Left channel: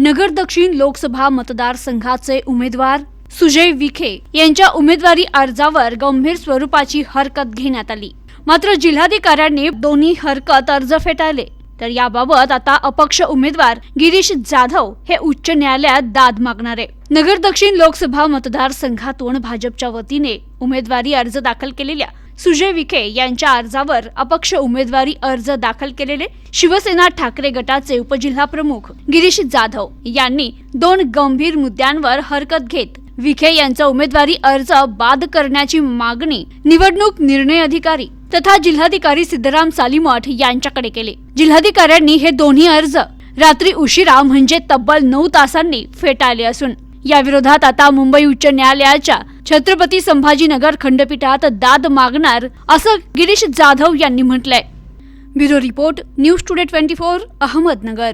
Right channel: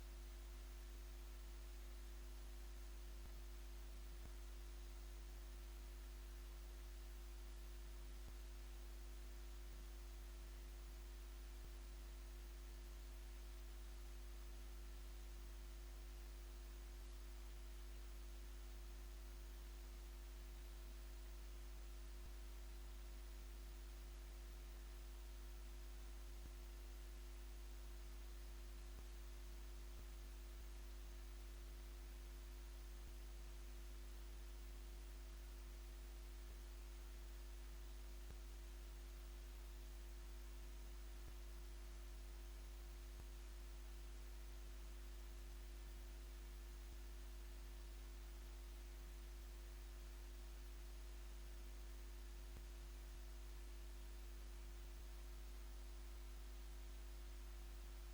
नगर दक्षिण लोकसभा मतदारसंघाचे उमेदवार सुजय विखे यांच्या उमेदवारी अर्जावर गंभीर स्वरूपाची हरकत घेण्यात आली. मात्र जिल्हाधिकाऱ्यांनी दोन्ही हरकत अर्ज फेटाळले. तर याबाबत आता अपक्ष उमेदवार गिरीश जाधव हे उच्च न्यायालयात दाद मागणार. आहे नगर दक्षिण लोकसभा मतदारसंघातून भाजपच्या वतीने उमेदवारी अर्ज दाखल केलेल्या सुजय विखे यांच्या अर्जावर अपक्ष उमेदवारी अर्ज दाखल केलेले शिवसेना ठाकरे गटाचे उपजिल्हा प्रमुख गिरीश जाधव यांनी दोन गंभीर मुद्द्यांवर हरकत घेत विखे यांचा उमेदवारी अर्ज बाद करण्याची मागणी निवडणूक निर्णय अधिकारी तथा जिल्हाधिकारी सिद्धराम सालीमठ यांच्याकडे केले. जिल्हाधिकाऱ्यांनी हे दोन्ही अर्ज रात्री उशिरा म्हणजे तब्बल नऊ तासांनी फेटाळले असून या विरोधात आता मुंबई उच्च न्यायालयाच्या छत्रपती संभाजीनगर खंडपीठात दाद मागणार असं गिरीश जाधव यांनी म्हटलंय. Bureau report news today twenty four Ahmednagar.